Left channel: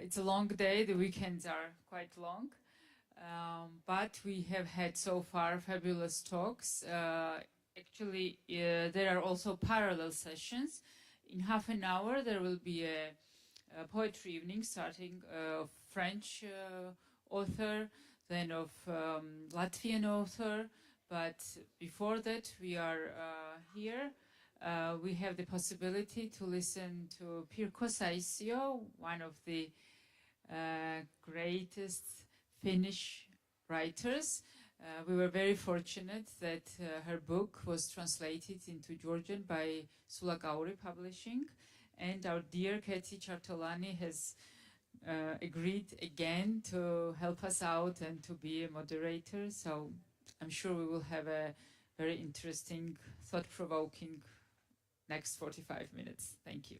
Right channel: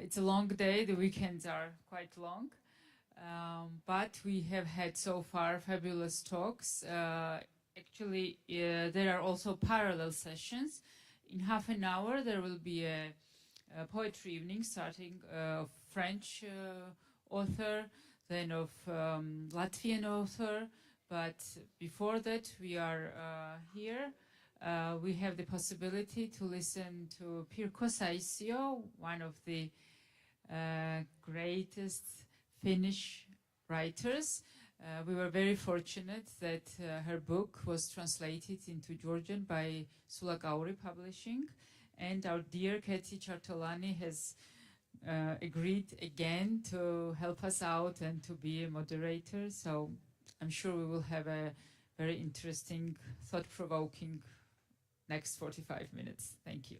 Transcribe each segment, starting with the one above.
It's a long day. The weekends are quite long. But we have had so far fabulous talks. Actually, there are also parallel sessions. In half an hour, there will be a poetry evening starting of French author, then of Latvian author. But before that, we are here. We have the possibility to listen to Pirkko Saisio, one of the greatest Finnish writers. We were very fortunate that her book was translated into Georgian by Sulakauri Publishing, and our dear Keti Chartolani has agreed again to help us out and to be a moderator. So I'm sure we will have a very interesting, thought-provoking next 45 minutes. Thank you.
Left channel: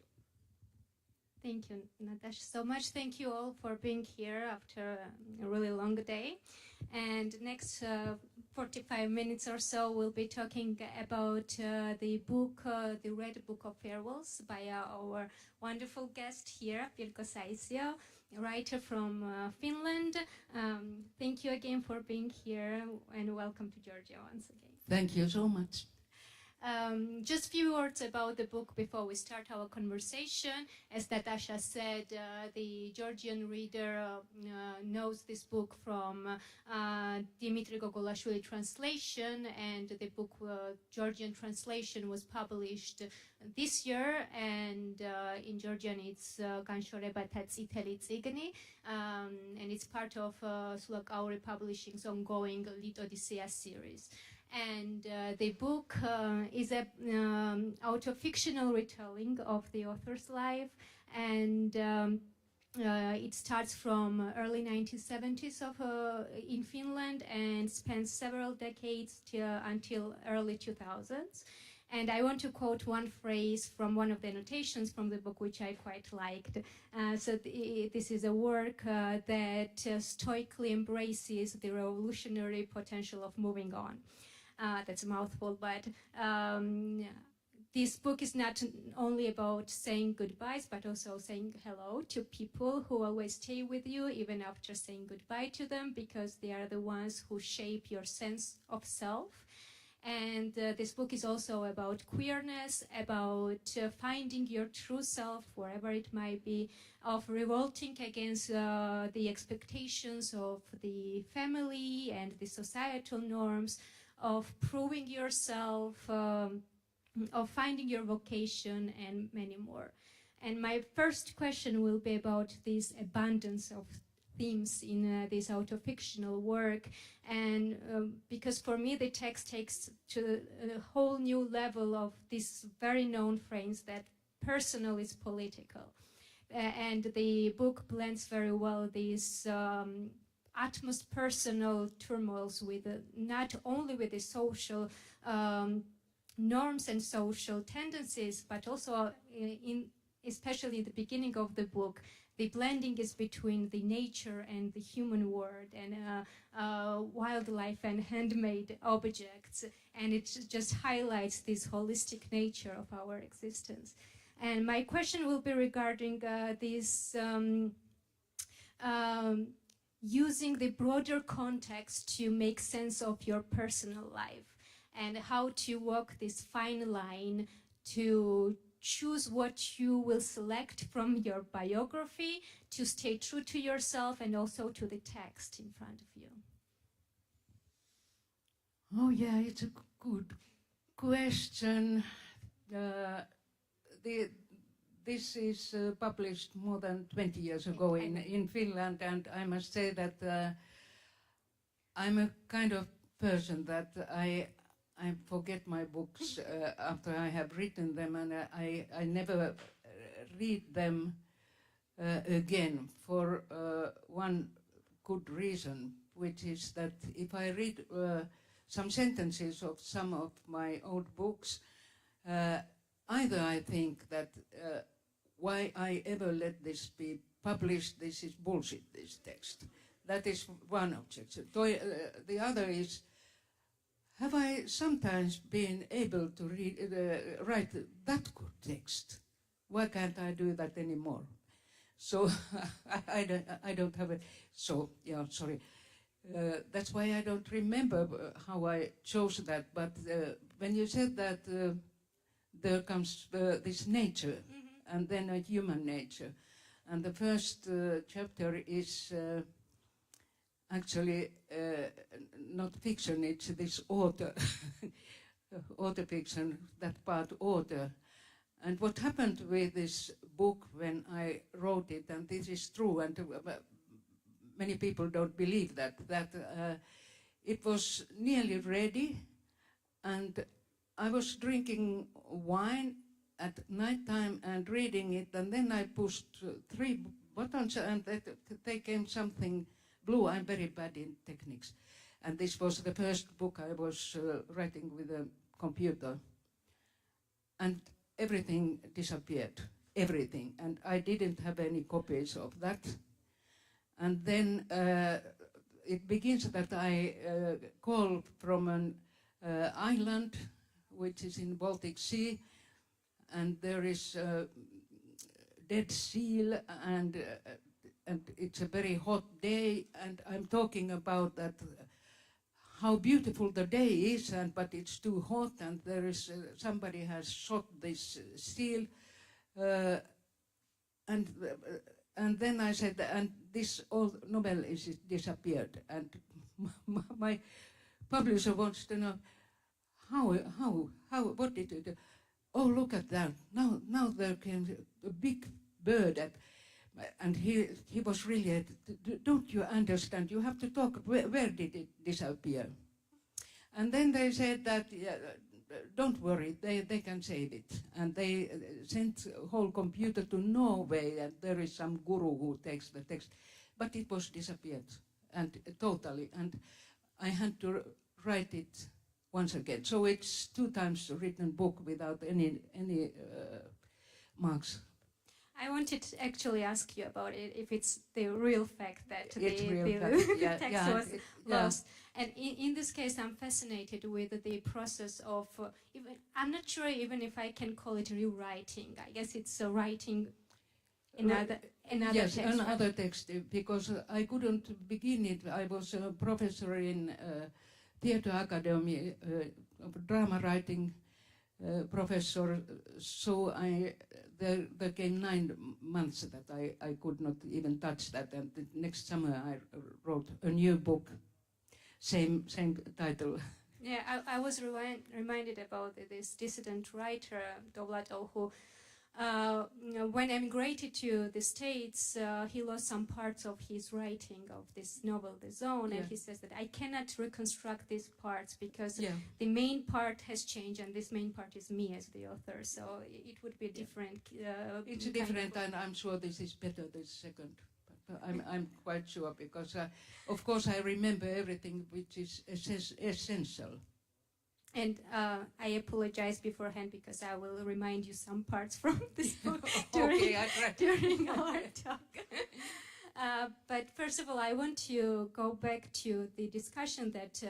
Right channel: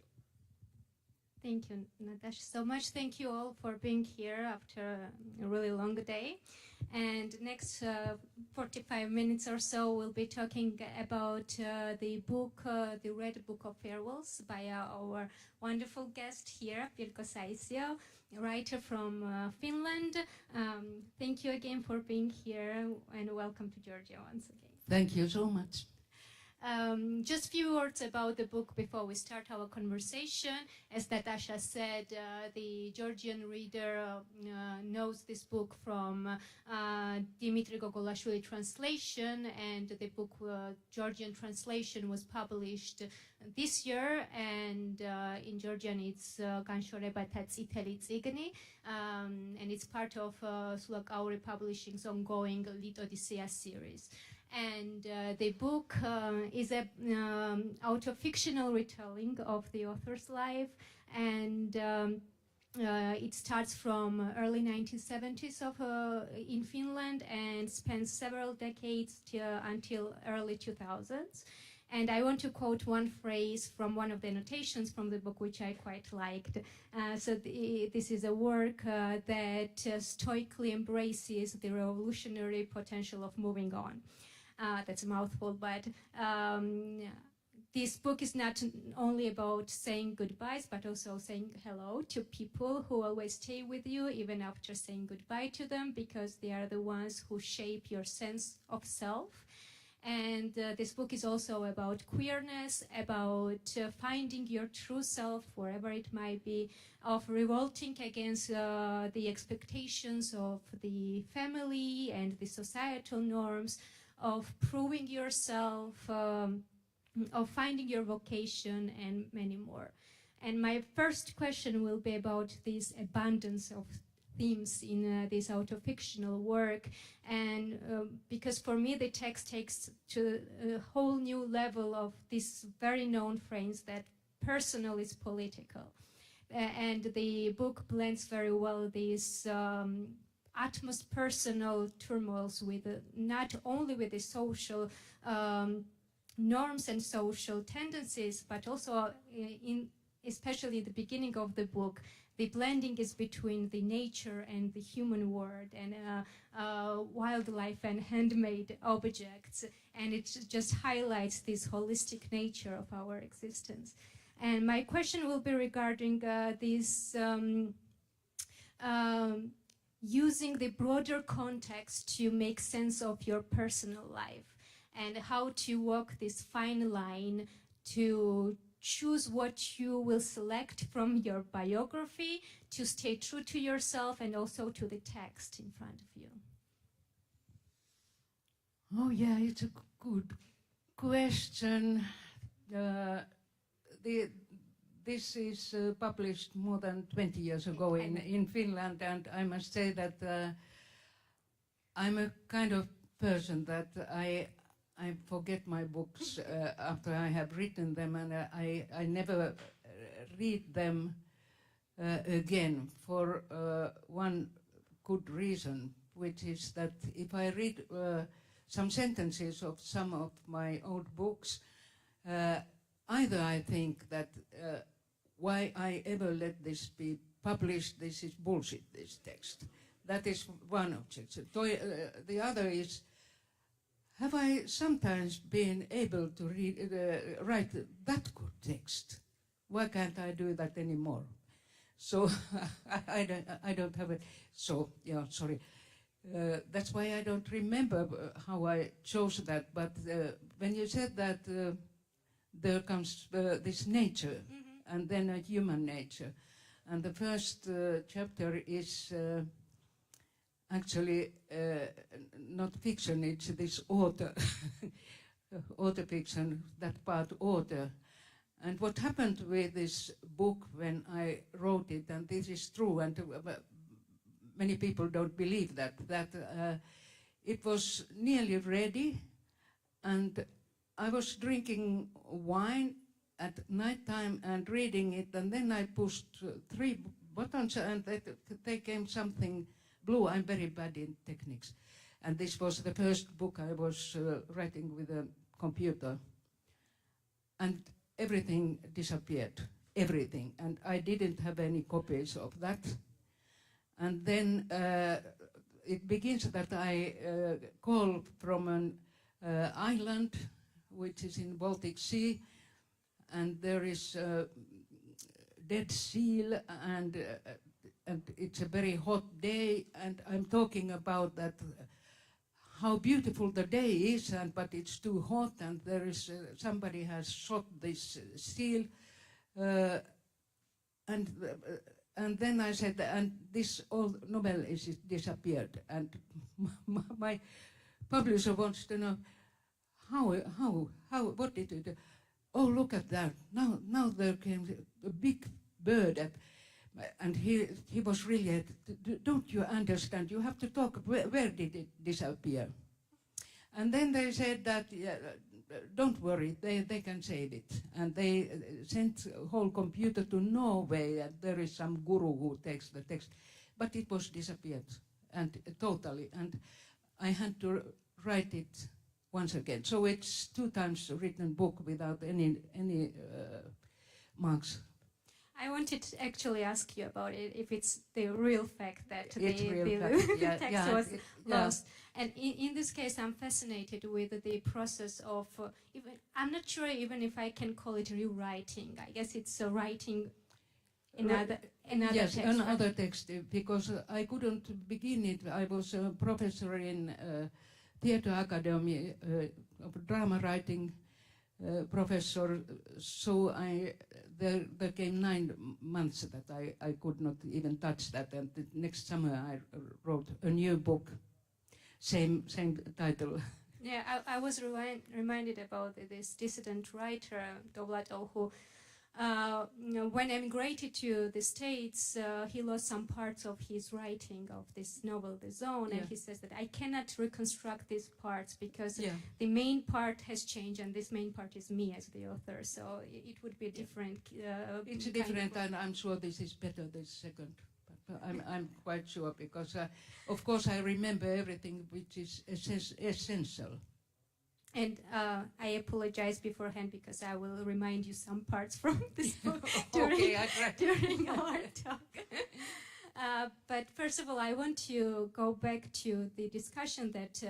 Thank you, Natasha, so much. Thank you all for being here after a really long day. And next 45 minutes or so, we'll be talking about the book, the Red Book of Farewells by our wonderful guest here, Pirkko Saisio, a writer from Finland. Thank you again for being here, and welcome to Georgia once again. Thank you so much. Just a few words about the book before we start our conversation. As Natasha said, the Georgian reader knows this book from Dimitri Gogolashvili translation, and the book Georgian translation was published this year, and in Georgian it's Ganshoreba Tsiteli Tsigni, and it's part of Sulakauri Publishing's ongoing Lit Odyssea series. And the book is a auto-fictional retelling of the author's life, and it starts from early 1970s in Finland and spans several decades until early 2000s. And I want to quote one phrase from one of the annotations from the book, which I quite liked. This is a work that stoically embraces the revolutionary potential of moving on. That's a mouthful, but this book is not only about saying goodbyes, but also saying hello to people who always stay with you, even after saying goodbye to them, because they are the ones who shape your sense of self. And this book is also about queerness, about finding your true self, wherever it might be, of revolting against the expectations of the family and the societal norms, of proving yourself, of finding your vocation, and many more. And my first question will be about this abundance of themes in this auto-fictional work, and because for me the text takes to a whole new level of this very known phrase that personal is political. And the book blends very well these utmost personal turmoils with not only with the social norms and social tendencies, but also especially in the beginning of the book, the blending is between the nature and the human world, and wildlife and handmade objects, and it just highlights this holistic nature of our existence. And my question will be regarding this using the broader context to make sense of your personal life, and how to walk this fine line to choose what you will select from your biography, to stay true to yourself and also to the text in front of you. Oh yeah, it's a good question. This is published more than 20 years ago in Finland, and I must say that I'm a kind of person that I forget my books after I have written them, and I never read them again for one good reason, which is that if I read some sentences of some of my old books, either I think that why I ever let this be published, this is bullshit, this text. That is one objection. The other is, have I sometimes been able to write that good text? Why can't I do that anymore? So I don't have it. So yeah, sorry. That's why I don't remember how I chose that. But when you said that there comes this nature, and then a human nature, and the first chapter is actually not fiction. It's this author, author fiction. That part author. And what happened with this book when I wrote it, and this is true, and many people don't believe that it was nearly ready, and I was drinking wine at night time and reading it, and then I pushed 3 buttons, and they came something blue. I'm very bad in techniques. And this was the first book I was writing with a computer. And everything disappeared, everything. And I didn't have any copies of that. And then it begins that I call from an island which is in Baltic Sea, and there is a dead seal, and it's a very hot day, and I'm talking about that how beautiful the day is, but it's too hot, and there is somebody has shot this seal, and then I said, and this old novel is disappeared, and my publisher wants to know how what did it do? Oh, look at that! Now there came a big bird, and he was really. Don't you understand? You have to talk. Where did it disappear? And then they said that don't worry, they can save it. And they sent a whole computer to Norway, and there is some guru who takes the text, but it was disappeared and totally. And I had to write it once again. So it's 2 times written book without any marks. I wanted to actually ask you about it, if it's the real fact that the text was lost. And in this case, I'm fascinated with the process of, I'm not sure even if I can call it rewriting. I guess it's writing another yes, text. Another text, because I couldn't begin it. I was a professor in Theatre Academy of drama writing professor, so there came 9 months that I could not even touch that, and the next summer I wrote a new book, same title. Yeah, I was reminded about this dissident writer, Dovlato, who when emigrated to the States, he lost some parts of his writing of this novel, The Zone, and he says that I cannot reconstruct these parts because the main part has changed, and this main part is me as the author, so it would be different. It's different, and I'm sure this is better, this second. But I'm quite sure, because of course I remember everything which is essential. And I apologize beforehand because I will remind you some parts from this book during our talk. But first of all, I want to go back to the discussion that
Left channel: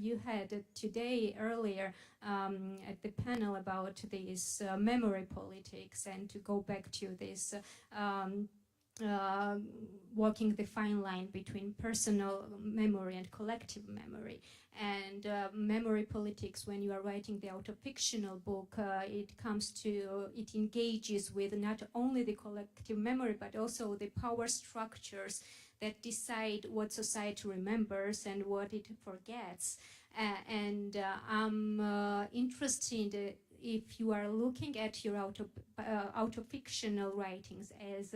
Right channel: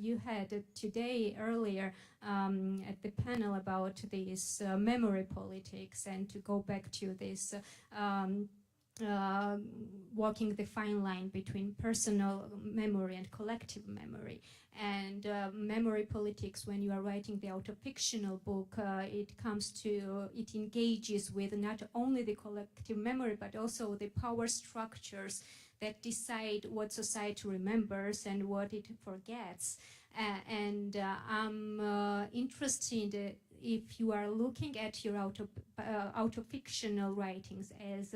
you had today earlier at the panel about this memory politics, and to go back to this walking the fine line between personal memory and collective memory. And memory politics, when you are writing the autofictional book, it engages with not only the collective memory, but also the power structures that decide what society remembers and what it forgets. And I'm interested if you are looking at your autofictional writings as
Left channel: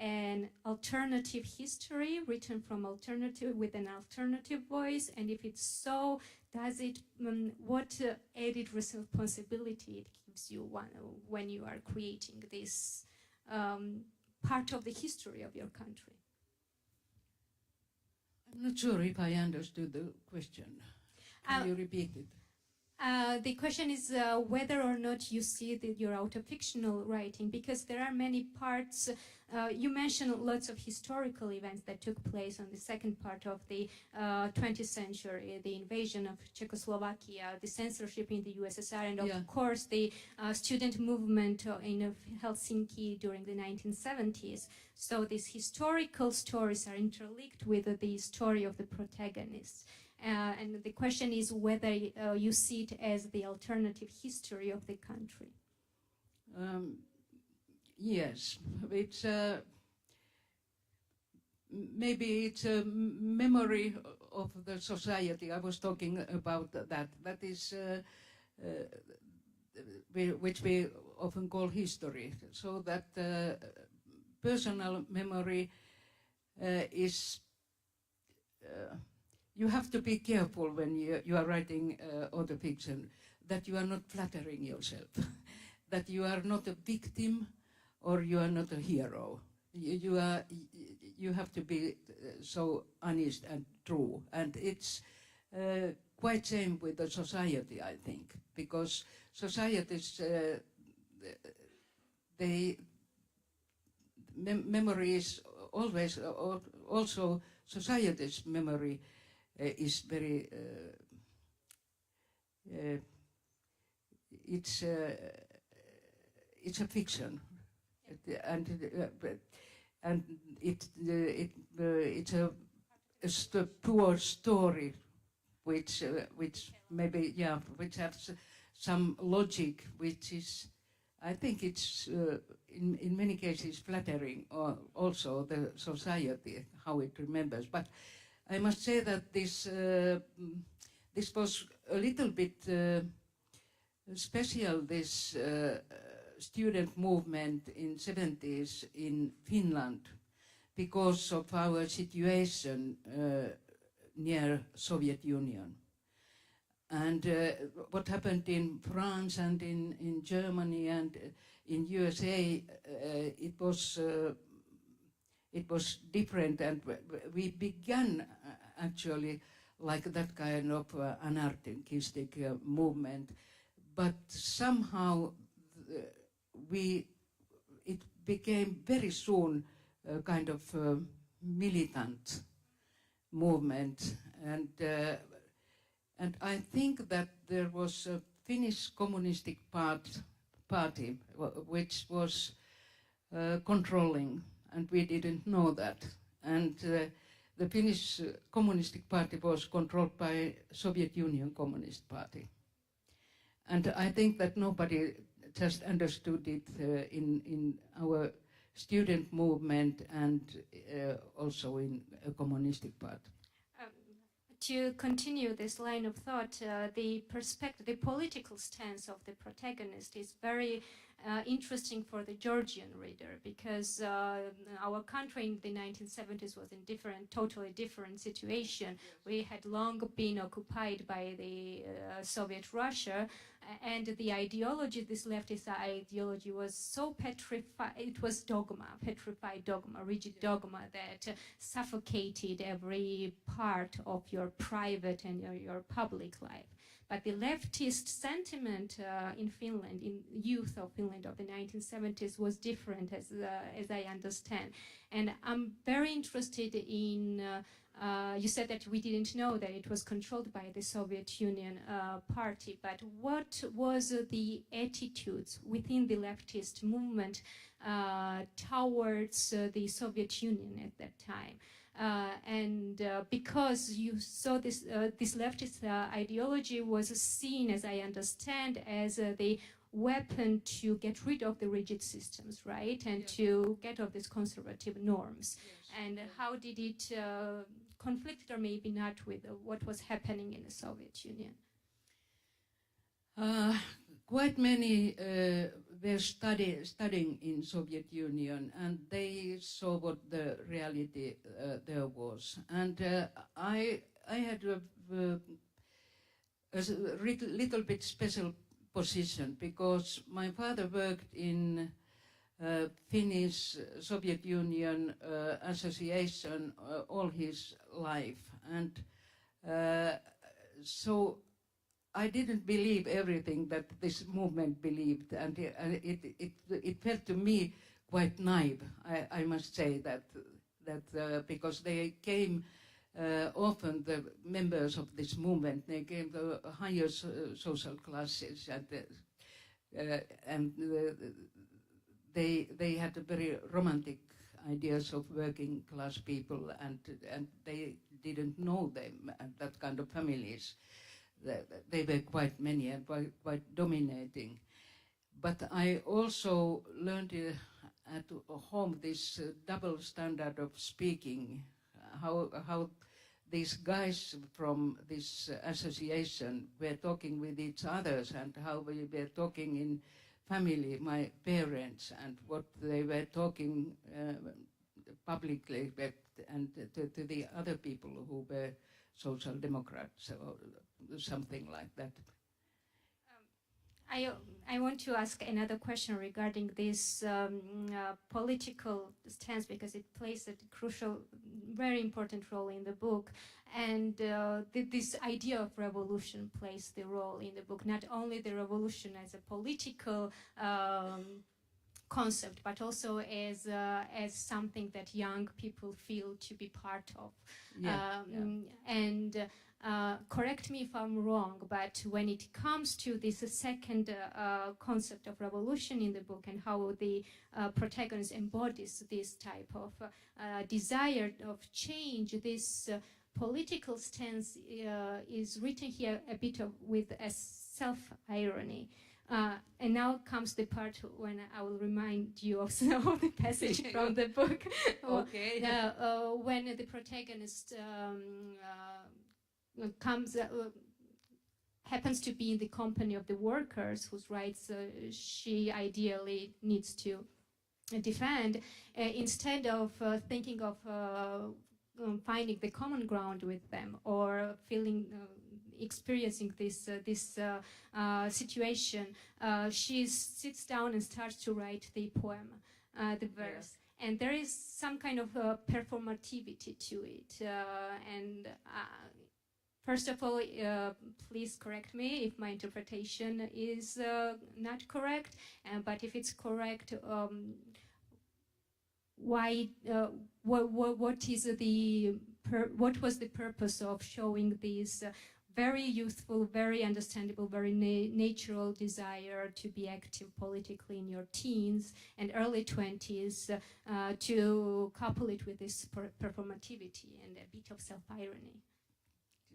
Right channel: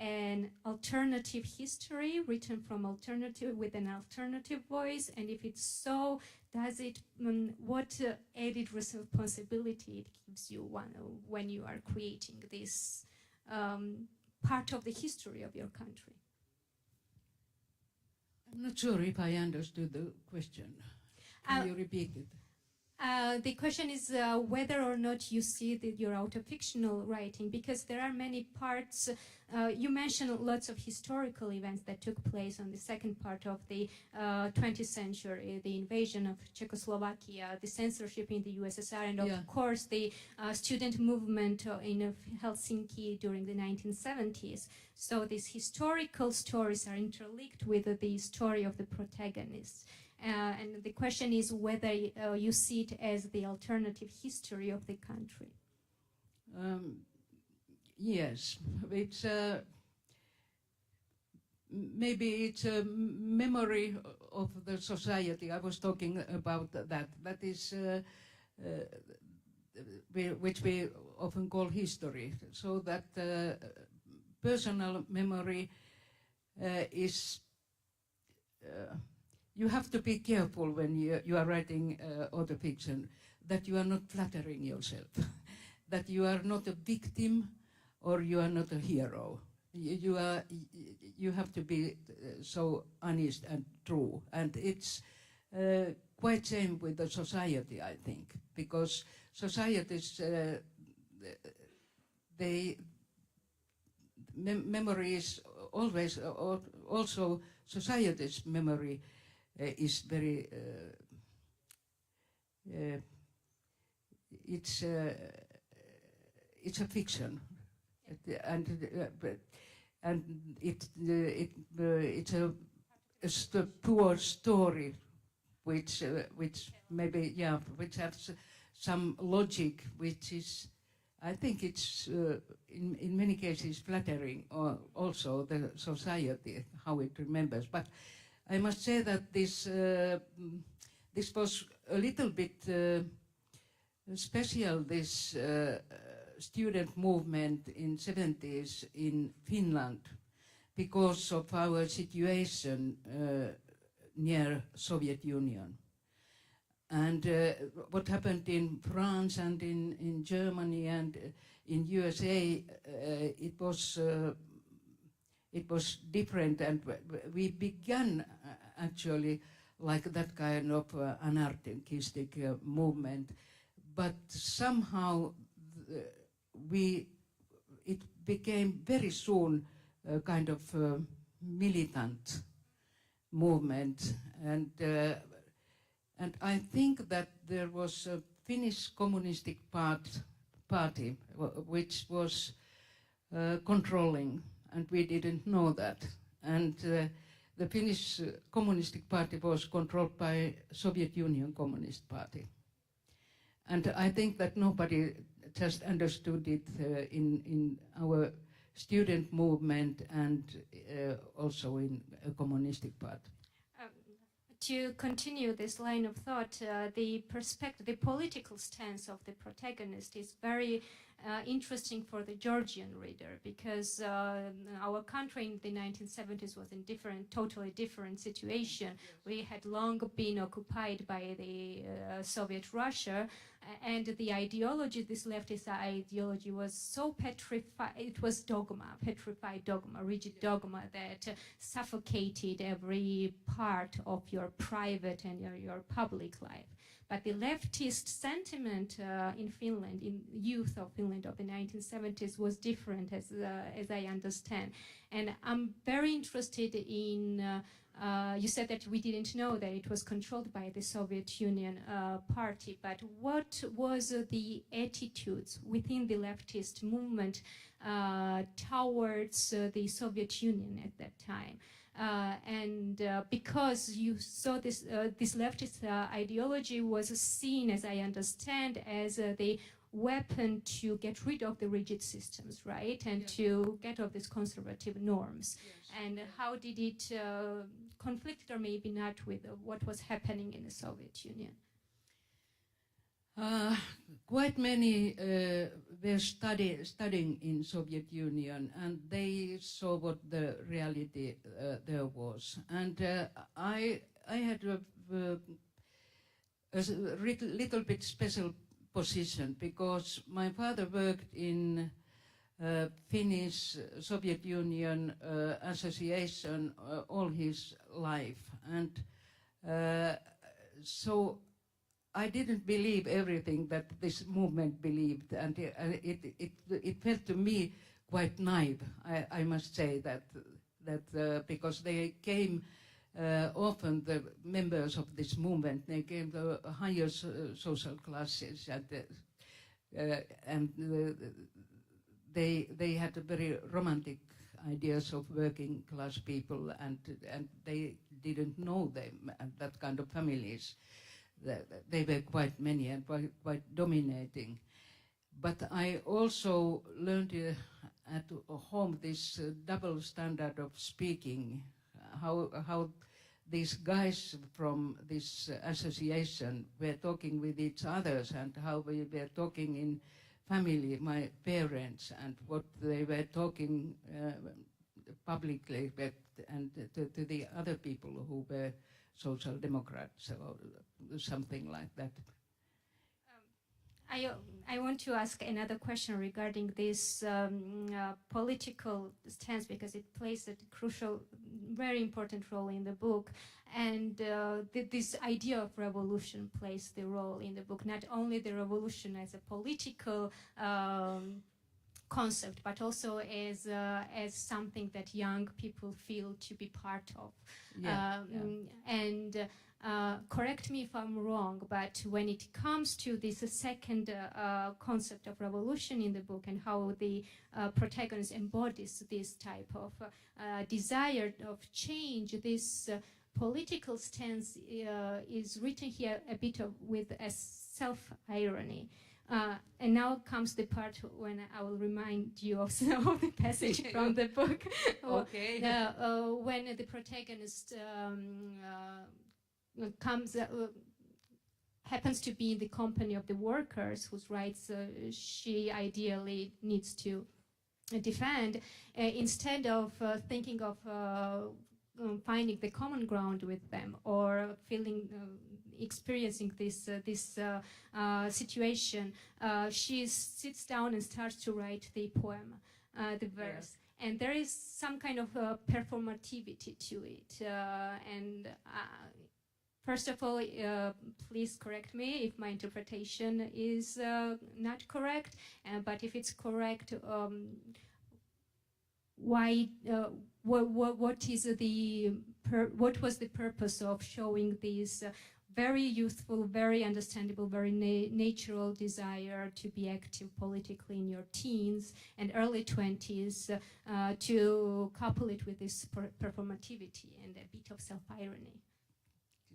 an alternative history written from with an alternative voice, and if it's so, does it what added responsibility it gives you when you are creating this part of the history of your country? I'm not sure if I understood the question. Can you repeat it? The question is whether or not you see your autofictional writing, because there are many parts. You mentioned lots of historical events that took place on the second part of the 20th century, the invasion of Czechoslovakia, the censorship in the USSR, and of course the student movement in Helsinki during the 1970s. So these historical stories are interlinked with the story of the protagonists. And the question is whether you see it as the alternative history of the country. Yes, it's maybe it's a memory of the society. I was talking about that. That is which we often call history. So that personal memory is. You have to be careful when you are writing autofiction that you are not flattering yourself, that you are not a victim or you are not a hero. You have to be so honest and true, and it's quite same with the society, I think, because societies memory is always also society's memory is very it's a fiction, and it's a poor story which maybe which has some logic, which is, I think it's in many cases flattering also the society how it remembers. But I must say that this was a little bit special, this student movement in 70s in Finland, because of our situation near Soviet Union. And what happened in France and in Germany and in USA, it was different, and we began actually like that kind of anarchistic movement, but somehow it became very soon a kind of militant movement, and I think that there was a Finnish Communistic Party which was controlling, and we didn't know that. And the Finnish Communistic Party was controlled by Soviet Union Communist Party. And I think that nobody just understood it in our student movement and also in a communistic party. To continue this line of thought, the political stance of the protagonist is very interesting for the Georgian reader, because our country in the 1970s was in totally different situation. We had long been occupied by the Soviet Russia, and the ideology, this leftist ideology, was so petrified. It was petrified dogma, rigid dogma that suffocated every part of your private and your public life. But the leftist sentiment in Finland, in youth of Finland of the 1970s, was different, as I understand. And I'm very interested in. You said that we didn't know that it was controlled by the Soviet Union party, but what was the attitudes within the leftist movement towards the Soviet Union at that time? Because you saw this leftist ideology was seen, as I understand, as the weapon to get rid of the rigid systems, right? And to get off these conservative norms. And how did it conflict, or maybe not, with what was happening in the Soviet Union? Quite many were studying in Soviet Union, and they saw what the reality there was. And I had a little bit special position, because my father worked in Finnish Soviet Union association all his life, and so I didn't believe everything that this movement believed, and it felt to me quite naive. I must say that because they came often, the members of this movement, they came the higher social classes, and they had a very romantic ideas of working class people, and they didn't know them and that kind of families. They were quite many and quite dominating. But I also learned at home this double standard of speaking, how these guys from this association were talking with each others, and how we were talking in family, my parents, and what they were talking publicly and to the other people who were social democrats or something like that. I want to ask another question regarding this political stance, because it plays a crucial, very important role in the book. And this idea of revolution plays the role in the book, not only the revolution as a political concept, but also as something that young people feel to be part of. And correct me if I'm wrong, but when it comes to this second concept of revolution in the book, and how the protagonist embodies this type of desire of change, this political stance is written here a bit with a self-irony. And now comes the part when I will remind you of the passage from the book. Okay. When the protagonist happens to be in the company of the workers whose rights she ideally needs to defend, instead of thinking of finding the common ground with them, or experiencing this situation, she sits down and starts to write the poem, the verse. And there is some kind of performativity to it. First of all, please correct me if my interpretation is not correct. But if it's correct, what was the purpose of showing this very youthful, very understandable, very natural desire to be active politically in your teens and early 20s, to couple it with this performativity and a bit of self-irony?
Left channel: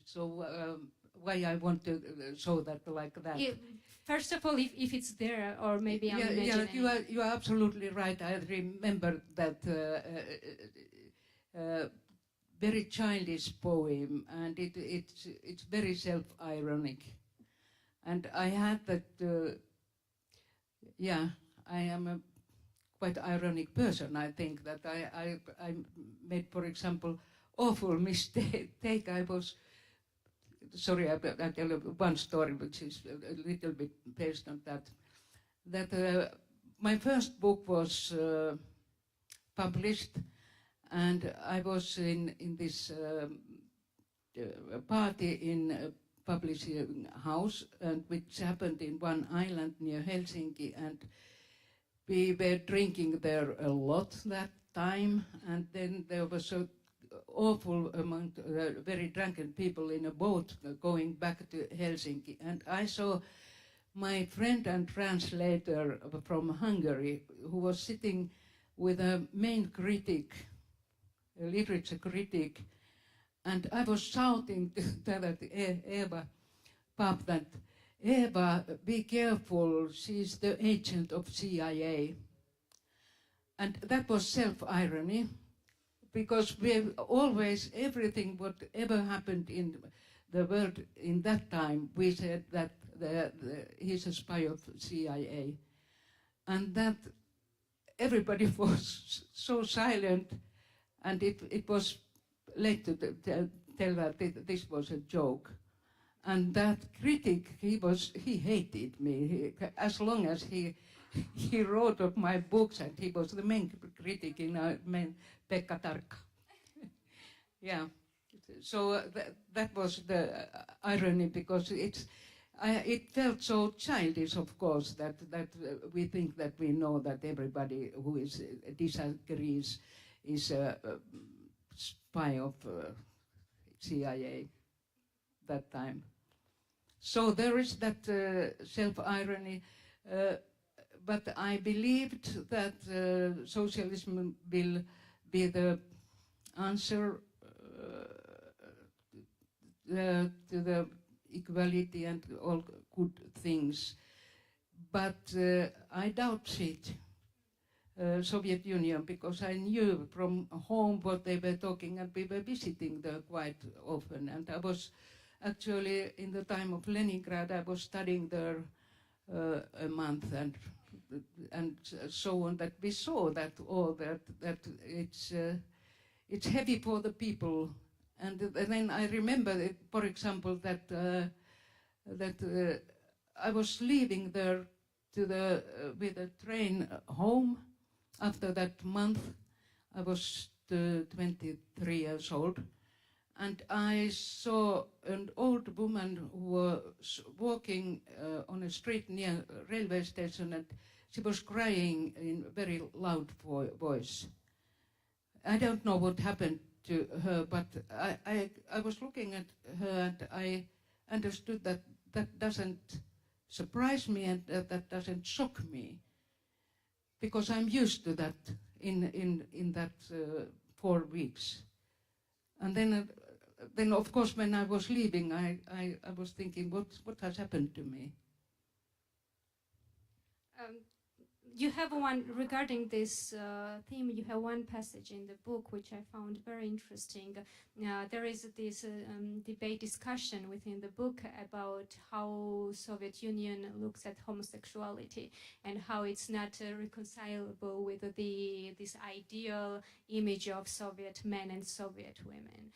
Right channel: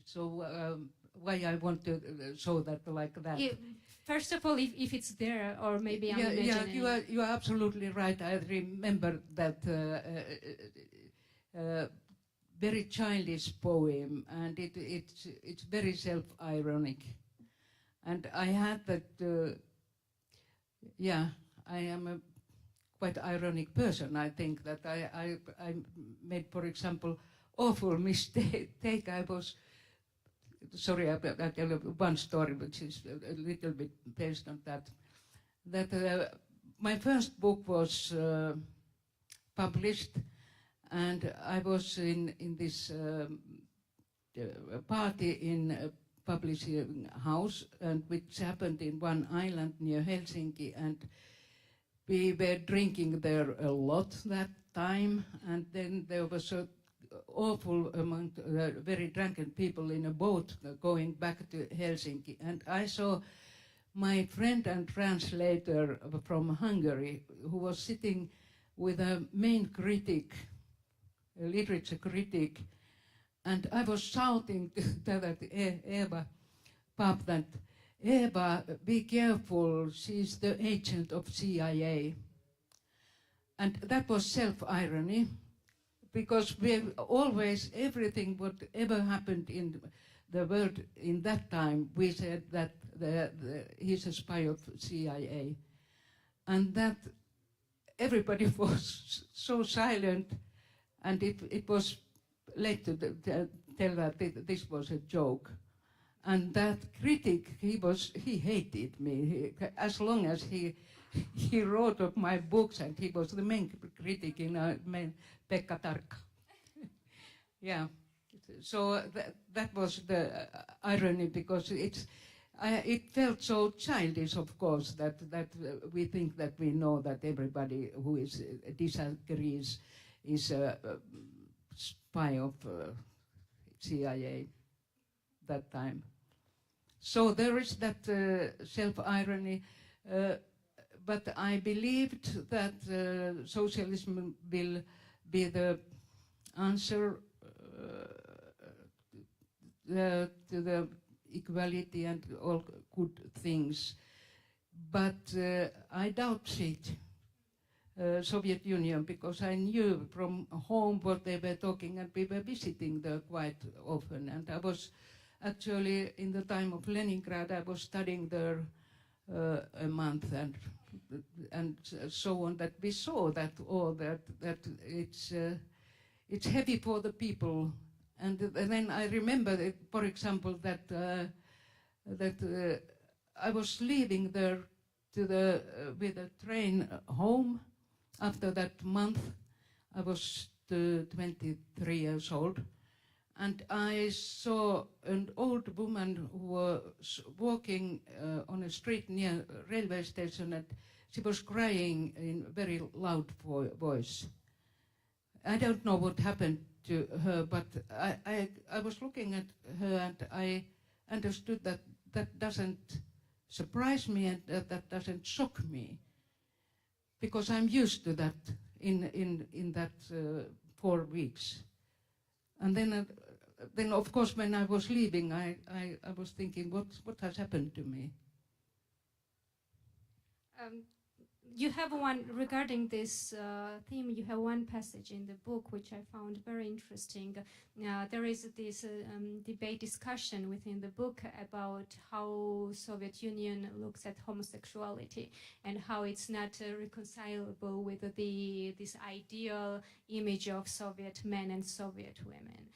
So why I want to show that like that? First of all, if it's there, or maybe I'm imagining. Yeah, you are absolutely right. I remember that very childish poem, and it's very self-ironic. And I had that. I am a quite ironic person. I think that I made, for example, awful mistake. I was. Sorry, I'll tell you one story which is a little bit based on that. That my first book was published, and I was in this party in a publishing house, and which happened in one island near Helsinki, and we were drinking there a lot that time, and then there was a awful amount very drunken people in a boat going back to Helsinki, and I saw my friend and translator from Hungary, who was sitting with a main critic, a literature critic, and I was shouting to that Eva Pap that, Eva, be careful, she's the agent of CIA. And that was self-irony, because we always, everything, whatever happened in the world in that time, we said that he's a spy of CIA. And that everybody was so silent, and it was late to tell that this was a joke. And that critic, he hated me, as long as he wrote of my books, and he was the main critic in Pekka Tarkka. Yeah, so that was the irony, because it felt so childish, of course, that we think that we know that everybody who disagrees is a spy of CIA that time. So there is that self-irony, but I believed that socialism will be the answer to the equality and all good things. But I doubt it. Soviet Union, because I knew from home what they were talking, and we were visiting there quite often. And I was actually, in the time of Leningrad, I was studying there a month and so on. That we saw that all that it's heavy for the people. And then I remember, for example, that I was leaving there with a train home. After that month, I was 23 years old, and I saw an old woman who was walking on a street near a railway station, and she was crying in a very loud voice. I don't know what happened to her, but I was looking at her, and I understood that that doesn't surprise me and that doesn't shock me, because I'm used to that in that 4 weeks. And then of course when I was leaving, I was thinking, what has happened to me? You have one, regarding this theme, you have one passage in the book which I found very interesting. There is this debate discussion within the book about how Soviet Union looks at homosexuality and how it's not reconcilable with this ideal image of Soviet men and Soviet women.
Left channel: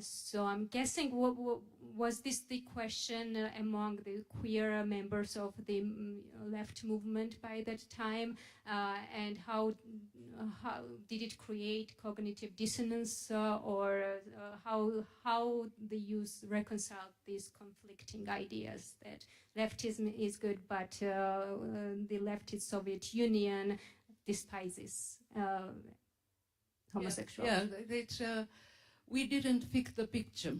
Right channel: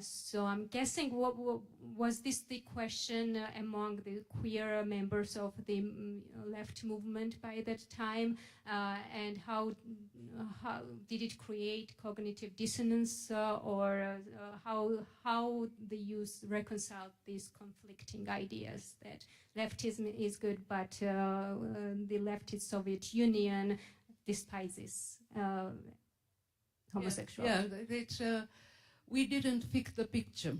So I'm guessing, was this the question among the queer members of the left movement by that time, and how did it create cognitive dissonance, or how the youth reconciled these conflicting ideas that leftism is good, but the leftist Soviet Union despises homosexuality? Yeah, it's. We didn't fit the picture.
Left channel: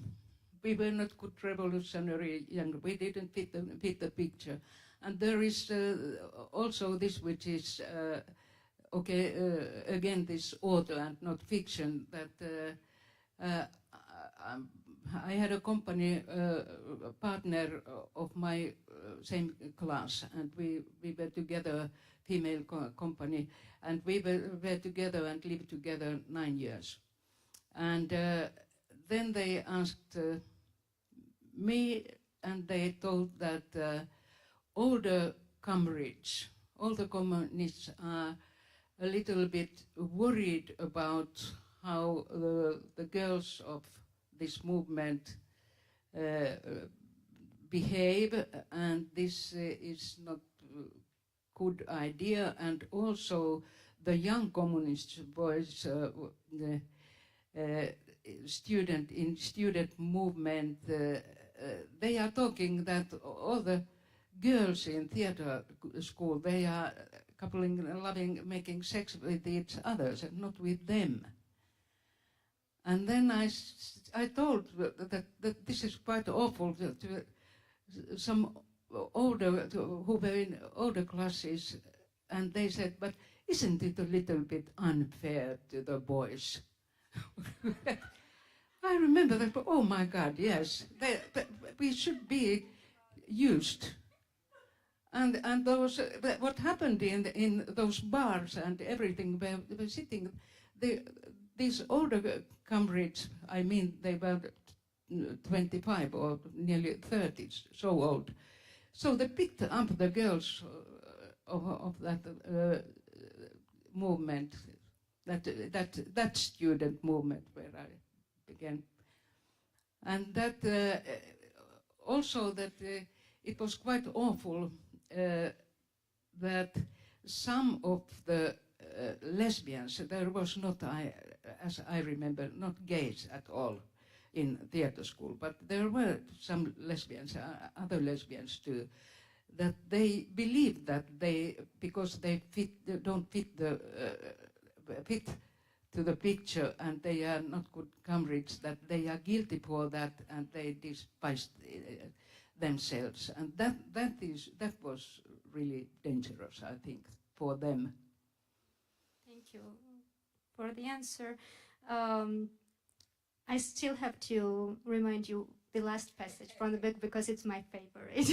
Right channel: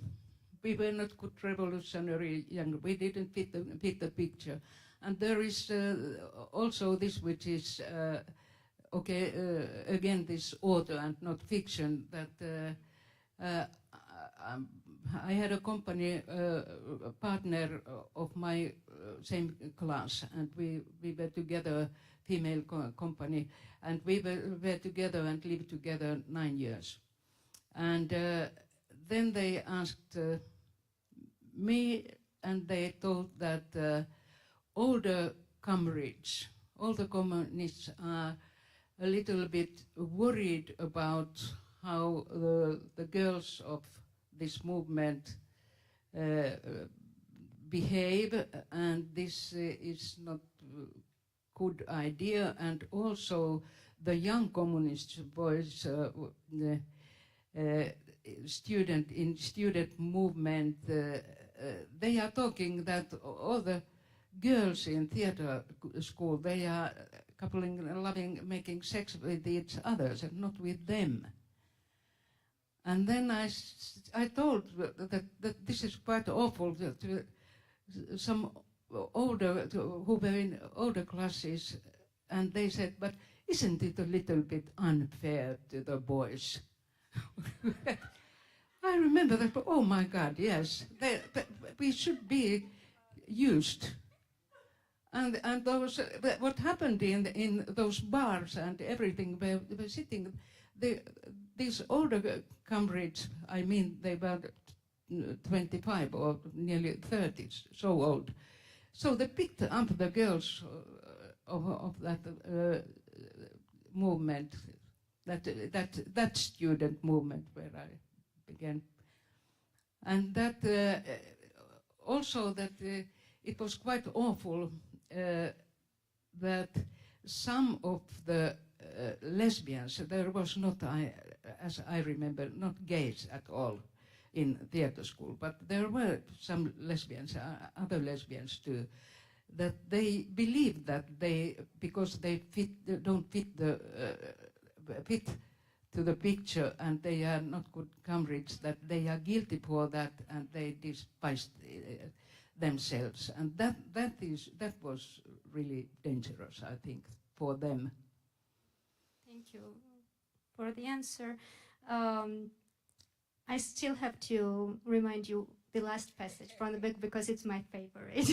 We were not good revolutionary young. We didn't fit the picture. And there is also this, which is, again, this author and not fiction, that I had a company, a partner of my same class, and we were together, female company, and we were together and lived together 9 years. And then they asked me, and they told that older comrades, older communists are a little bit worried about how the girls of this movement behave, and this is not a good idea. And also the young communist boys, student movement, they are talking that all the girls in theater school, they are coupling, loving, making sex with each others and not with them. And then I told that this is quite awful to some older, who were in older classes, and they said, but isn't it a little bit unfair to the boys? I remember that, oh my God, yes, we should be used. And those, what happened in those bars and everything, where they were sitting, these older comrades, I mean, they were 25 or nearly 30, so old. So they picked up the girls of that movement, that student movement where I began. And that also that it was quite awful that some of the lesbians, there was not, as I remember, not gays at all. in theater school, but there were some lesbians, other lesbians too, that they believe that because they don't fit to the picture and they are not good comrades, that they are guilty for that and they despise themselves, and that was really dangerous, I think, for them. Thank you for the answer. I still have to remind you the last passage from the book because it's my favorite,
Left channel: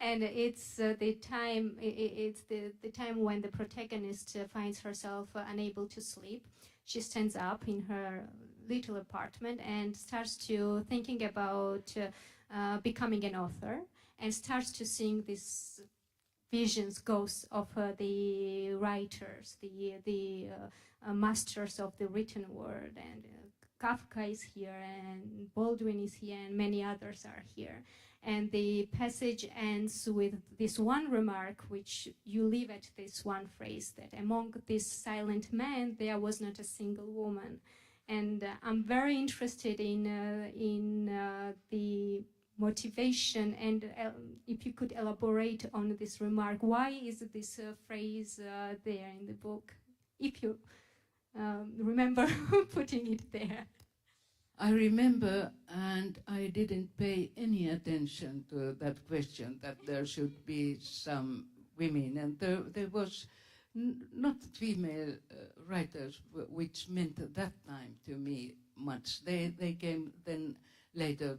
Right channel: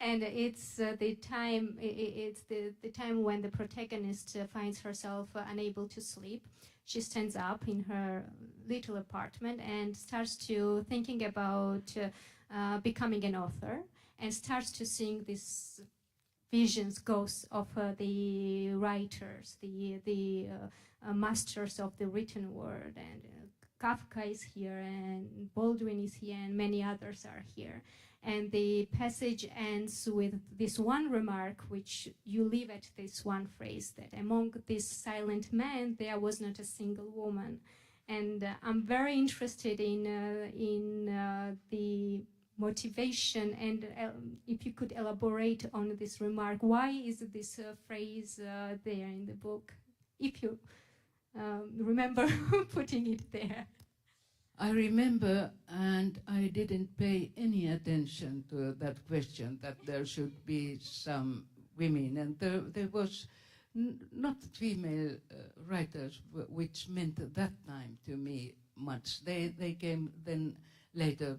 and it's the time. It's the time when the protagonist finds herself unable to sleep. She stands up in her little apartment and starts to thinking about becoming an author, and starts to seeing these visions, ghosts of the writers, the masters of the written word, and Kafka is here, and Baldwin is here, and many others are here. And the passage ends with this one remark, which you leave at this one phrase, that among these silent men, there was not a single woman. And I'm very interested in the motivation, and if you could elaborate on this remark, why is this phrase there in the book, if you remember putting it there? I remember, and I didn't pay any attention to that question, that there should be some women, and there was not female writers, which meant at that time to me much. They came then later,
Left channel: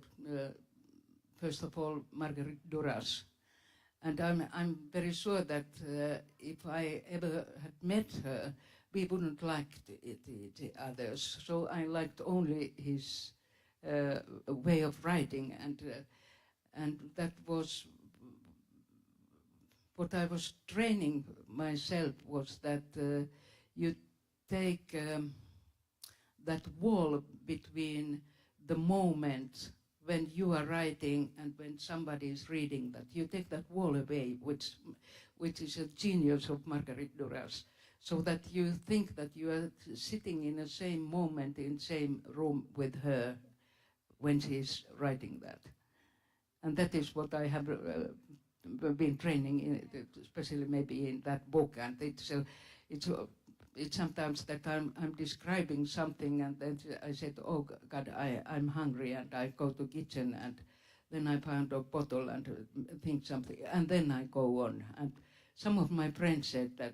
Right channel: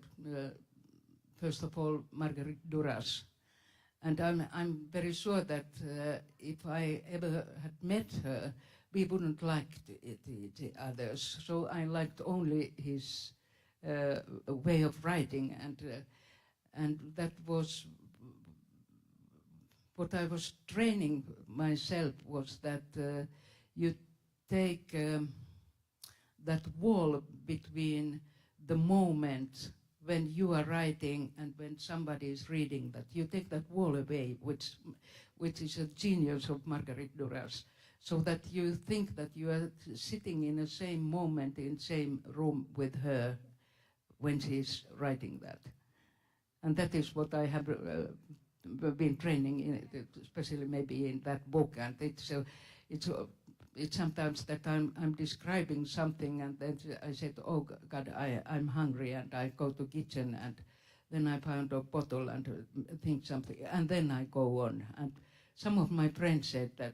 first of all, Marguerite Duras. And I'm very sure that if I ever had met her, we wouldn't like the others. So I liked only his way of writing, and that was what I was training myself, was that you take that wall between the moment when you are writing and when somebody is reading, that you take that wall away, which is a genius of Marguerite Duras, so that you think that you are sitting in the same moment, in the same room with her when she's writing that. And that is what I have been training in, especially maybe in that book. And it's sometimes that I'm describing something, and then I said, oh God, I'm hungry, and I go to kitchen, and then I found a bottle and think something, and then I go on. And some of my friends said that,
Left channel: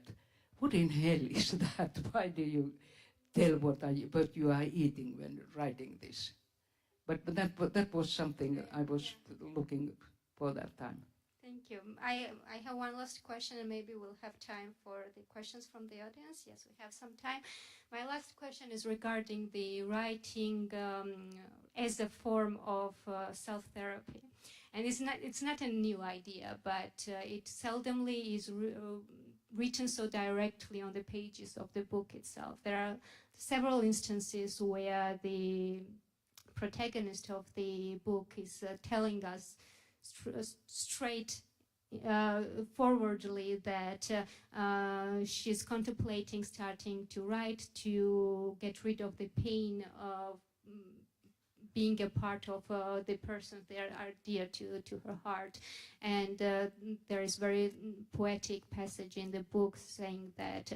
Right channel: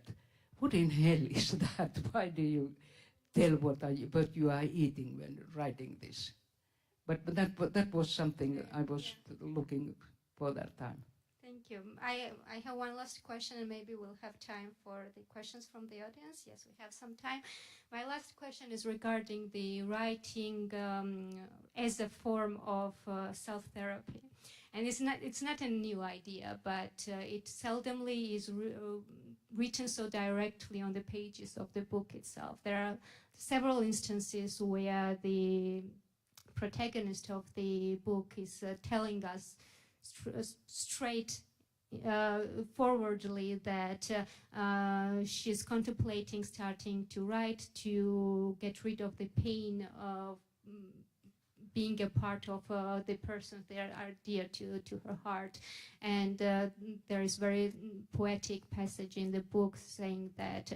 what in hell is that? Why do you tell what you are eating when writing this? But that was something I was looking for that time. Thank you. I have one last question, and maybe we'll have time for the questions from the audience. Yes, we have some time. My last question is regarding the writing as a form of self-therapy. And it's not a new idea, but it seldomly is written so directly on the pages of the book itself. There are several instances where the protagonist of the book is telling us straight forwardly that she's contemplating starting to write to get rid of the pain of being a part of the persons that are dear to her heart. And there is very poetic passage in the book saying that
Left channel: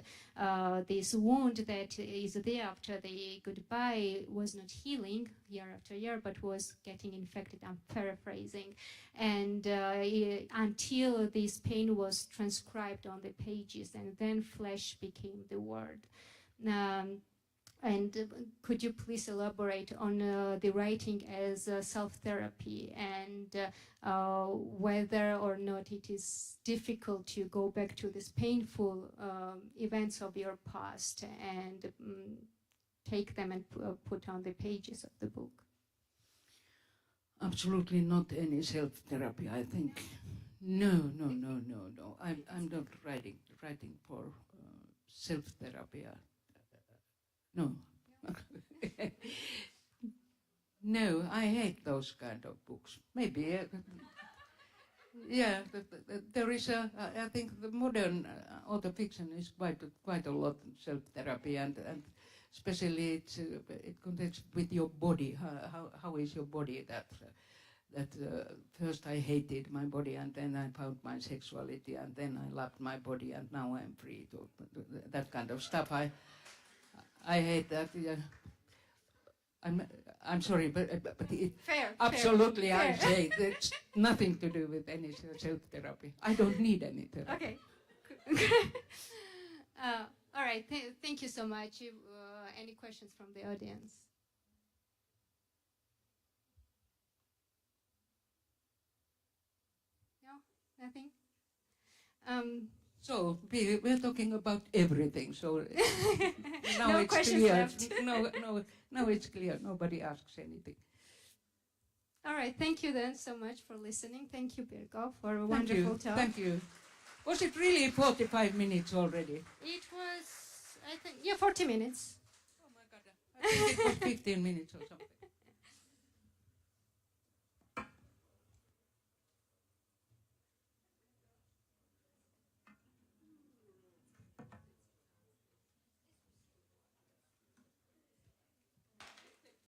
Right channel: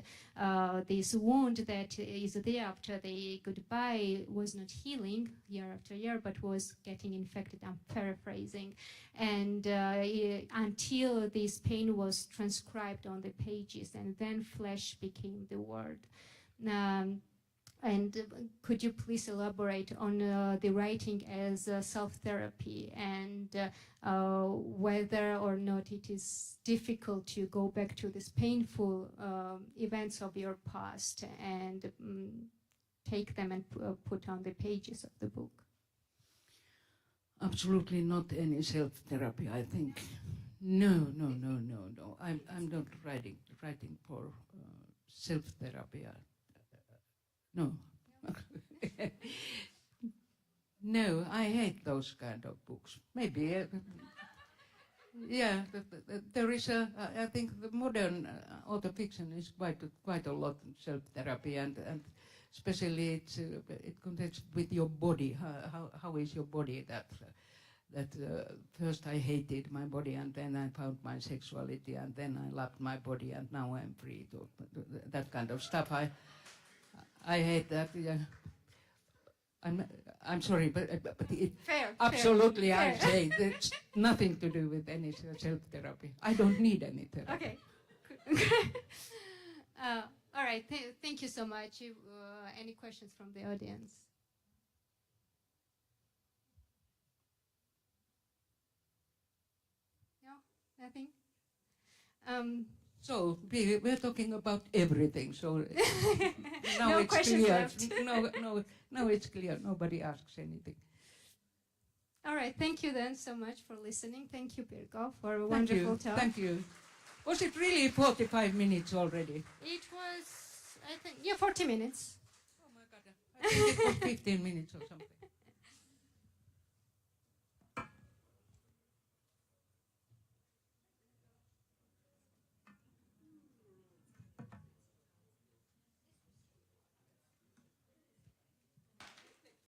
this wound that is there after the goodbye was not healing year after year, but was getting infected. I'm paraphrasing. And until this pain was transcribed on the pages, and then flesh became the word. And could you please elaborate on the writing as self-therapy, and whether or not it is difficult to go back to these painful events of your past and take them and put on the pages of the book? Absolutely not any self-therapy, I think. No. I'm not writing for self-therapy. No. No, I hate those kind of books. Maybe, yeah, there is I think the modern auto fiction is quite a lot of self-therapy, and especially it connects with your body. How is your body? That first I hated my body, and then I found my sexuality, and then I loved my body, and now I'm free to that kind of stuff. I hate that. Yeah. I'm sorry, but it Fair. absolutely fair. I say it's nothing to do with any self-therapy. I don't need any therapy. Okay. All right. Thank you so much. Any questions from the audience? No, nothing. So we're talking about everything. So now No it's questions clear. left. No, it's clear. Nobody asks anything. All right. Thank you then so much for listening. Thank you, Pirkko, for a Thank wonderful you. talk. Thank you. Was it really 45 minutes already? It was, I think, 40 minutes. Oh my God. I think it was 15 minutes or something.